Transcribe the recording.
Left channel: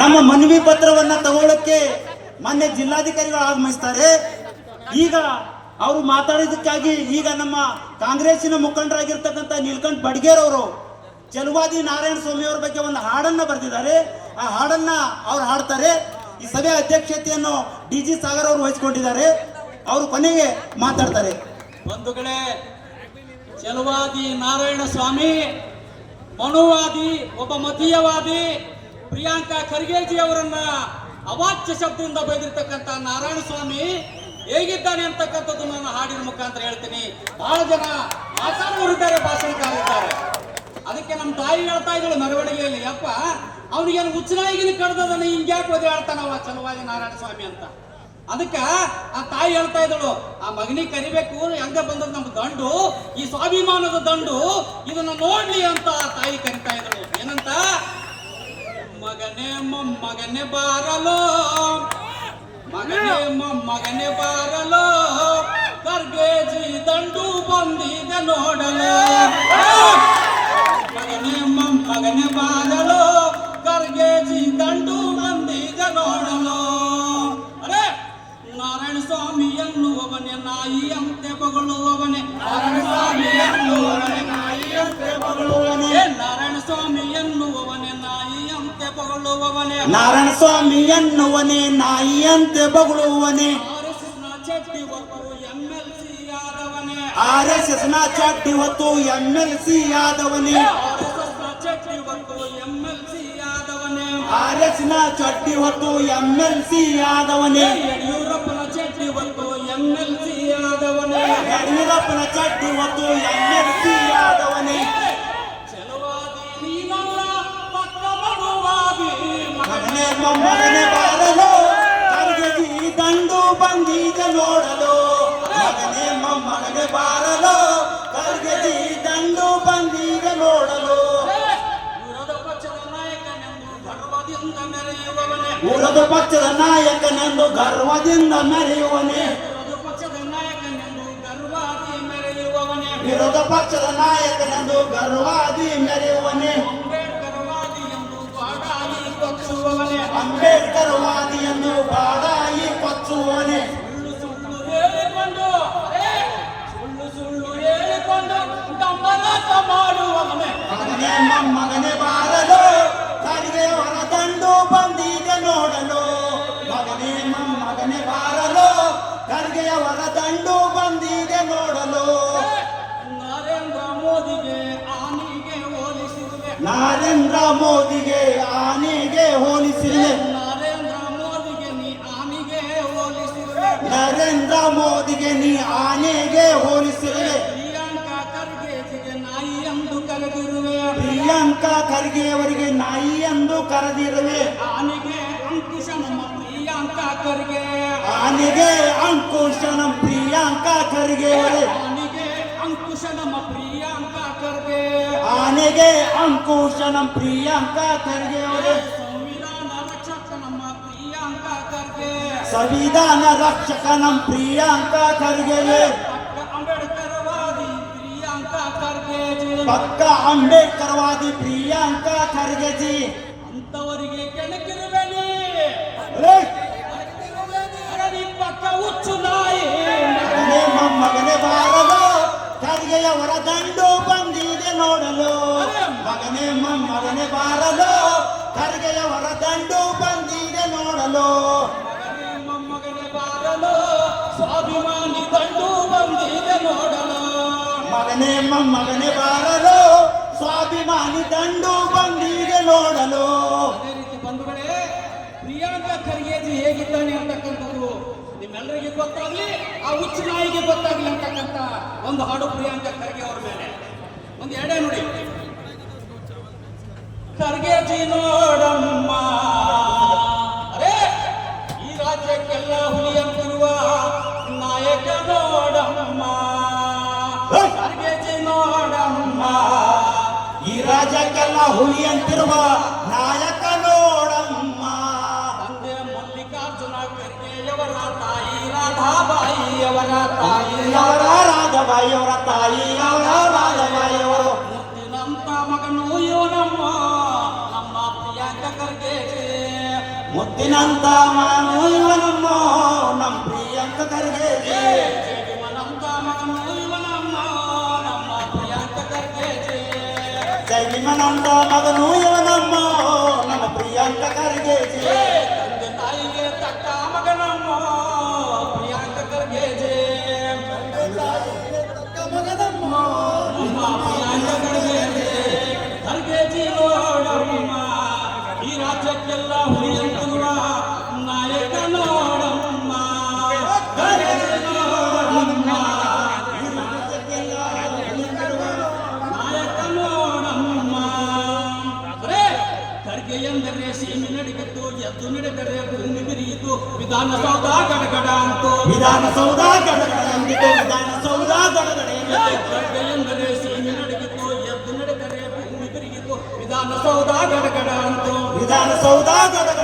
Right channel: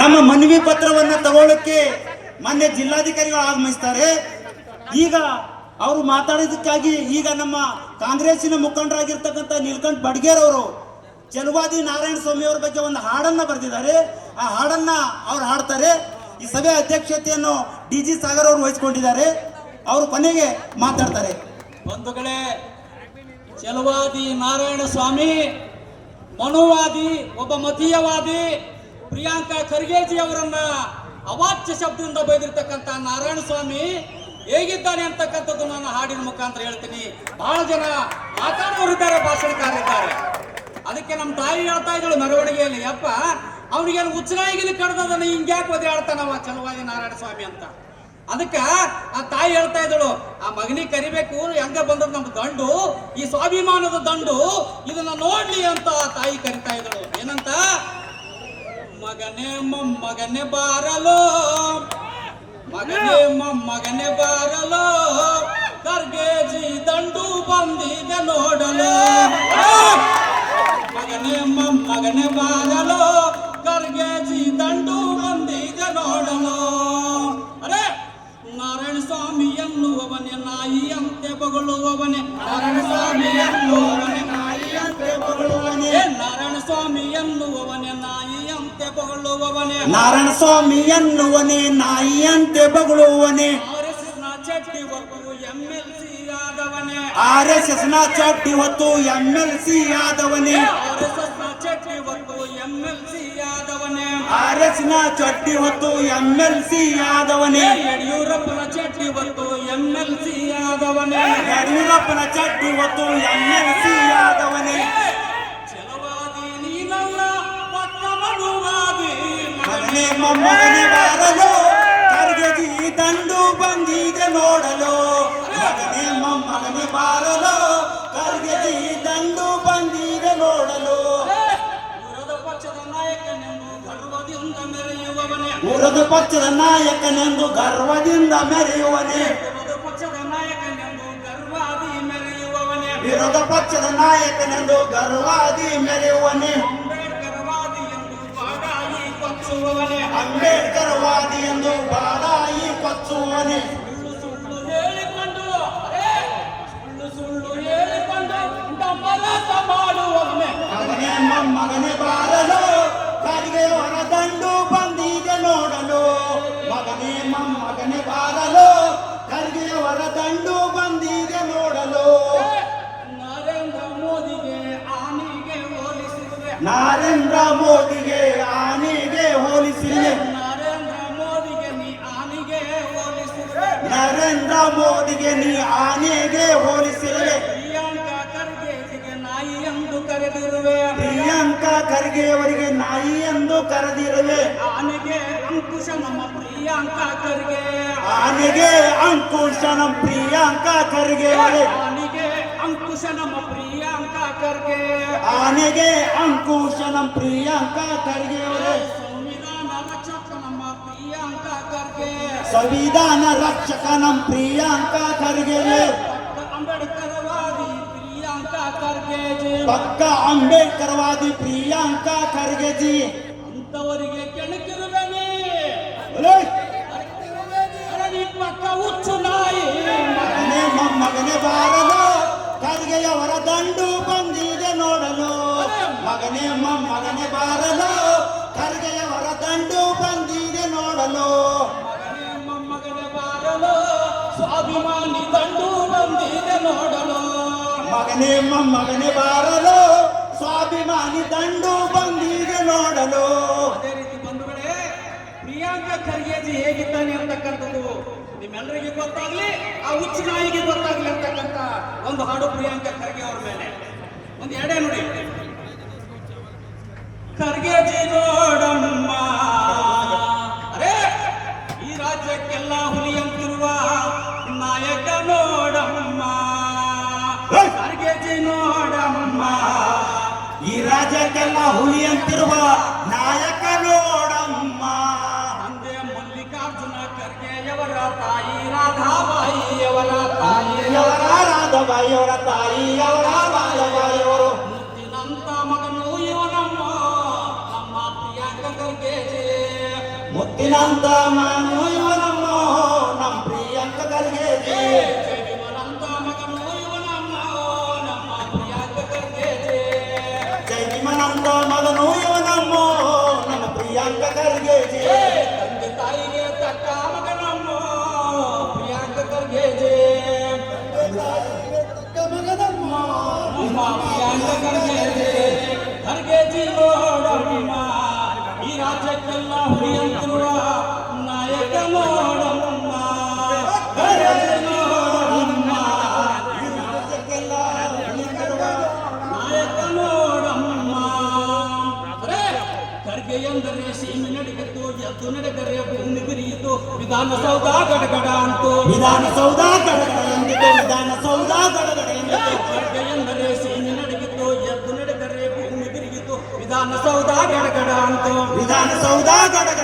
ನಮ್ಮ ಮನವಿ ಪತ್ರವನ್ನ ತಗೊಳ್ಳಕ್ಕೆ ಮಾನ್ಯ ಜಿಲ್ಲಾಧಿಕಾರಿಗಳು ಆಗಮಿಸ್ತಾರೆ. ಈಗ ಅವರು ಮಾತಾಡಿದಕ್ಕಾಗಿ ಈಗ ನಮ್ಮ ಕಾಂಗ್ರೆಸ್ಸಿನ ಮುಖಂಡರಾಗಿರ್ತಕ್ಕಂಥ ನೀಲಕಂಠ ಬಡ್ಗೇರ್ ಅವರು ಚಲುವಾದಿ ನಾರಾಯಣ ಸ್ವಾಮಿ ಅವರ ಬಗ್ಗೆ ಒಂದು ಹಾಡನ್ನ ಬರೆದಿದ್ದಾರೆ. ಆ ಹಾಡನ್ನ ಅವ್ರು ಹಾಡ್ತಾರೆ. ಈ ಸಭೆಯ ಅಧ್ಯಕ್ಷತೆಯನ್ನು ಡಿಜಿ ಸಾಗರ್ ಅವರು ವಹಿಸಿಕೊಂಡಿದ್ದಾರೆ. ಅವರು ಕೊನೆಗೆ ಮಾತಾಡ್ತಾರೆ. ಬಂಧುಗಳೇ, ಚಲುವಾದಿ ನಾರಾಯಣ ಸ್ವಾಮಿ, ಮನುವಾದಿ, ಒಬ್ಬ ಮತೀಯವಾದಿ ಪ್ರಿಯಾಂಕಾ ಖರ್ಗೆಜಿ ಅವರನ್ನ ಅವಾಚ್ಯ ಶಬ್ದದಿಂದ ಬೈದಿರ್ತಕ್ಕಂಥ ನಾರಾಯಣ ಸ್ವಾಮಿ ಹೇಗಿದ್ದಾನೆ ಅಂತಕ್ಕಂಥದ್ದು ನಾನು ಹಾಡಿನ ಮುಖಾಂತರ ಹೇಳ್ತೀನಿ. ಬಹಳ ಜನ ಮಾತಾಡೋರಿದ್ದಾರೆ, ಭಾಷಣಕಾರಿದ್ದಾರೆ. ಅದಕ್ಕೆ ನಮ್ಮ ತಾಯಿ ಹೇಳ್ತಾ ಇದ್ದಳು ಮೆರವಣಿಗೆಯಲ್ಲಿ, ಅಪ್ಪ ಅವನಿಗೇನು ಹುಚ್ಚನಾಗಿನ ಕಡ್ದದನ್ನ ಹಿಂಗ್ಯಾಕೆ ಒದೆ ಹೇಳ್ತಾನವ ಚಲುವಾದಿ ನಾರಾಯಣ ಸ್ವಾಮಿ ಅಂತ. ಅದಕ್ಕ ಆ ತಾಯಿ ಹೇಳ್ತಾ ಇದ್ದಳು, ಆ ಮಗನಿಗೆ ಕರಿಬೇಕು, ಹೆಂಗ ಬಂದದ ನಮ್ಮ ದಂಡು, ಈ ಸ್ವಾಭಿಮಾನದ ದಂಡು, ಇದನ್ನ ನೋಡ್ಲಿ ಅಂತ ಆ ತಾಯಿ ಕರಿತಾ ಇದ್ದಳು. ಏನಂತ? ಮಗನೇ ಮೊಮ್ಮಗನೇ ಬಾರಲೋ, ಮಗನೇ ಮೊಮ್ಮಗನೇ ಬಾರಲೋ, ಖರ್ಗೆಜಿ ದಂಡು ಬಂದಿದೆ ನೋಡಲೋ. ಮಗನೇ ಮೊಮ್ಮಗನೇ ಬಾರಲೋ, ಖರ್ಗೆಜಿ ದಂಡು ಬಂದಿದೆ ನೋಡಲೋ. ಅರೆ ನಾರಾಯಣ ಸ್ವಾಮಿ ಎನ್ನುವವನೇ ನಾಯಿಯಂತೆ ಬಗಳುವವನೇ, ನಾರಾಯಣ ಸ್ವಾಮಿ ಎನ್ನುವವನೇ ನಾಯಿಯಂತೆ ಬಗಳುವವನೇ, ನಾರಾಯಣ ಸ್ವಾಮಿ ಎನ್ನುವವನೇ ನಾಯಿಯಂತೆ ಬಗಳುವವನೇ, ನಾರಾಯಣ ಸ್ವಾಮಿ ಎನ್ನುವನೇ ನಾಯಿಯಂತೆ ಬಗಳುವವನೇ. RSS ನ ಚಡ್ಡಿ ಹೊತ್ತು MLC ಆದವನೇ, RSS ನ ಚಡ್ಡಿ ಹೊತ್ತು MLC ಆದವನೇ, RSS ನ ಚಡ್ಡಿ ಹೊತ್ತು MLC ಆದವನೇ, RSS ನ ಚಡ್ಡಿ ಹೊತ್ತು MLC ಆದವನೇ, ಯಡಿಯೂರಪ್ಪನ ಚಡ್ಡಿ ಹೊತ್ತು MLC ಆದವನೇ, ಯಡಿಯೂರಪ್ಪನ ಚಡ್ಡಿ ಹೊತ್ತು MLC ಆದವನೇ. ಚಲುವಾದಿ ನೀನಲ್ಲ ಪಕ್ಕ ಮಗುವಾದಿ, ಮಗನೇ ಮೊಮ್ಮಗನೇ ಬಾರಲು, ಖರ್ಗೆಜಿ ದಂಡು ಬಂದಿದೆ ನೋಡಲು. ಮಗನೇ ಮೊಮ್ಮಗನೇ ಬಾರಲು, ಖರ್ಗೆಜಿ ದಂಡು ಬಂದಿದೆ ನೋಡಲು. ವಿರೋಧ ಪಕ್ಷದ ನಾಯಕನೆಂದು ಗರ್ವದಿಂದ ಮೆರೆಯುವವನೇ, ವಿರೋಧ ಪಕ್ಷದ ನಾಯಕನೆಂದು ಗರ್ವದಿಂದ ಮೆರೆಯುವನೇ, ವಿರೋಧ ಪಕ್ಷದ ನಾಯಕನೆಂದು ಗರ್ವಾದಿ ಮೆರೆಯುವವನೇ, ವಿರೋಧ ಪಕ್ಷದ ನಾಯಕನೆಂದು ಗರ್ವಾದಿ ಮೆರೆಯುವನೇ, ಅಂಬೇಡ್ಕರ್ ವಾದಿ ಎಂದು ಬಾಡಾಯಿ ಕೊಚ್ಚುವವನೇ, ಅಂಬೇಡ್ಕರ್ ವಾದಿ ಎಂದು ಬಾಡಾಯಿ ಕೊಚ್ಚುವನೇ. ಸುಳ್ಳು ಸುಳ್ಳು ಹೇಳಿಕೊಂಡು ಸುಳ್ಳು ಸುಳ್ಳು ಹೇಳಿಕೊಂಡು ಡಂಬರಾಟ ಮಾಡುವವನೇ, ಮಗನೇ ಮೊಮ್ಮಗನೇ ಬಾರಲು, ಖರ್ಗೆಯವರ ದಂಡು ಬಂದಿದೆ ನೋಡಲು. ಮಗನೇ ಮೊಮ್ಮಗನೇ ಬಾರಲು, ಖರ್ಗೆಯವರ ದಂಡು ಬಂದಿದೆ ನೋಡಲು. ನರೇಂದ್ರ ಮೋದಿಗೆ ಆನೆಗೆ ಹೋಲಿಸಿರುವೆ, ನರೇಂದ್ರ ಮೋದಿಗೆ ಆನೆಗೆ ಹೋಲಿಸಿರುವೆ, ನರೇಂದ್ರ ಮೋದಿಗೆ ನೀ ಆನೆಗೆ ಹೋಲಿಸಿರುವೆ, ನರೇಂದ್ರ ಮೋದಿಗೆ ನೀ ಆನೆಗೆ ಹೋಲಿಸಿರುವೆ. ಪ್ರಿಯಾಂಕಾ ಖರ್ಗೆಜಿಗೆ ನಾಯಿ ಎಂದು ಕರೆದಿರುವೆ, ಪ್ರಿಯಾಂಕಾ ಖರ್ಗೆಯವರಿಗೆ ನಾಯಿ ಎಂದು ಕರೆದಿರುವೆ. ಆನೆಗೆ ಅಂಕುಶ ನಮ್ಮ ಪ್ರಿಯಾಂಕಾ ಖರ್ಗೆ, ಆನೆಗೆ ಅಂಕುಶ ನಮ್ಮ ಪ್ರಿಯಾಂಕಾ ಖರ್ಗೆಯವರೇ, ಆನೆಗೆ ಅಂಕುಶ ನಮ್ಮ ಪ್ರಿಯಾಂಕಾ ಖರ್ಗೆ, ಆನೆಗೆ ಅಂಕುಶ ನಮ್ಮ ಪ್ರಿಯಾಂಕಾ ಖರ್ಗೆಯವರೇ. ಸಂವಿಧಾನ ರಕ್ಷಕ ನಮ್ಮ ಪ್ರಿಯಾಂಕಾ ಖರ್ಗೆ, ಸಂವಿಧಾನ ರಕ್ಷಕ ನಮ್ಮ ಪ್ರಿಯಾಂಕಾ ಖರ್ಗೆಯವರೇ. ಅಂಬೇಡ್ಕರ್ ವಾದಿ ಪ್ರಿಯಾಂಕಾ ಖರ್ಗೆಜಿ, ಪಕ್ಕ ಅಂಬೇಡ್ಕರ್ ವಾದಿ ಪ್ರಿಯಾಂಕಾ ಖರ್ಗೆಜಿ. ಅಂತವರಿಗೆ ಕೆಣಕಿರುವೆನಿ, ಅರೆ ಪಕ್ಕ ಹುಚ್ಚು ನಾಯಿ. ಮಗನೇ ಮೊಮ್ಮಗನೇ ಬಾರಲು, ಖರ್ಗೆಯವರ ದಂಡು ಬಂದಿದೆ ನೋಡಲು. ಮಗನೇ ಮೊಮ್ಮಗನೇ ಬಾರಲು, ಖರ್ಗೆಯವರ ದಂಡು ಬಂದಿದೆ ನೋಡಲು. ಮಗನೇ ಮೊಮ್ಮಗನೇ ಬಾರಲು, ಸ್ವಾಭಿಮಾನಿ ದಂಡು ಬಂದಿದೆ ನೋಡಲು. ಮಗನೇ ಮೊಮ್ಮಗನೇ ಬಾರಲು, ಸ್ವಾಭಿಮಾನಿ ದಂಡು ಬಂದಿದೆ ನೋಡಲು. ಅದೇ ರೀತಿ ಬಂಧುಗಳೇ, ಪ್ರಿಯಾಂಕಾ ಖರ್ಗೆಜಿ ಹೇಗಿದ್ದಾನೆ ಅಂತಕ್ಕಂಥದ್ದು ನಿಮ್ಮೆಲ್ಲರಿಗೆ ಗೊತ್ತಾಗ್ಲಿ, ಆ ಹುಚ್ಚ ನಾಯಿಗೆ ಗೊತ್ತಾಗ್ಲಿ ಅಂತಕ್ಕಂಥ ಒಂದು ಹಾಡು ಪ್ರಿಯಾಂಕಾ ಖರ್ಗೆ ಅವರ ಮೇಲೆ. ಒಂದು ಎಡೆ ನೋಡಿ. ಖರ್ಗೆಜಿ ನೋಡಮ್ಮ, ಅರೇ ಈ ರಾಜ್ಯಕ್ಕೆಲ್ಲ ಹುಲಿಯಂತಿರುವ ನಾಯಕ ನೋಡಮ್ಮ, ಖರ್ಗೆಜಿ ನೋಡಮ್ಮ, ಈ ರಾಜ್ಯಕ್ಕೆಲ್ಲ ಹುಲಿ ಅಂತಿರುವ ನಾಯಕ ನೋಡಮ್ಮ. ತಂದೆ ಮಲ್ಲಿಕಾರ್ಜುನ ಖರ್ಗೆಯವರ ತಾಯಿ ರಾಧಾಬಾಯಿಯವರ ತಾಯಿ, ರಾಧಾಬಾಯಿಯವರ ತಾಯಿ ಮುತ್ತಿನಂತ ಮಗನು ಇವನಮ್ಮ ನಮ್ಮ ಪ್ರಿಯಾಂಕಾ ಖರ್ಗೆಜಿ. ಮುತ್ತಿನಂತ ಮಗನು ಇವನಮ್ಮ ನಮ್ಮ ಪ್ರಿಯಾಂಕ ಖರ್ಗೆಜಿ. ಜೈವಿಮನಂತ ಮಗನು ಇವನಮ್ಮ ನಮ್ಮ ಪ್ರಿಯಾಂಕ ಖರ್ಗೆಜಿ. ಜೈವಿಮನಂತ ಮಗನು ಇವನಮ್ಮ ನಮ್ಮ ಪ್ರಿಯಾಂಕ ಖರ್ಗೆಜಿ. ತಂದೆ ತಾಯಿಗೆ ತಕ್ಕ ಮಗನಮ್ಮ ಪ್ರಿಯಾಂಕ ಖರ್ಗೆಜಿ. ನಮ್ಮ ಪ್ರಿಯಾಂಕ ಖರ್ಗೆಜಿ. ಖರ್ಗೆಜಿ ನೋಡಮ್ಮ ಈ ರಾಜ್ಯಕ್ಕೆಲ್ಲ ಹುರಿಯಂತುವ ನಾಯಕ ನೋಡಮ್ಮ. ಖರ್ಗೆಜಿ ನೋಡಮ್ಮ ಈ ರಾಜ್ಯಕ್ಕೆಲ್ಲ ಹುರಿಯಂತಿರುವ ನಾಯಕ ನೋಡಮ್ಮ. ಅರೆ ಖರ್ಗೆ ಎಂದರೆ ಸೀಮೆ ನಡಗಿತು, ಎದ್ದು ನಡೆದರೆ ಭೂಮಿ ಬಿರಿಯಿತು, ವಿಧಾನಸೌಧ ಗಡಗಡ ಅಂತು. ವಿಧಾನಸೌಧ ಗಡಗಡ ಎಂದಿತು, ವಿಧಾನಸೌಧ ಗಡಗಡ ಎಂದಿತು. ಖರ್ಗೆ ಎಂದರೆ ಸೀಮೆ ನಡಗಿತು, ಎದ್ದು ನಡೆದರೆ ಭೂಮಿ ಬಿರಿಯಿತು, ವಿಧಾನಸೌಧ ಗಡಗಡ ಅಂತು. ವಿಧಾನಸೌಧ ಗಡಗಡ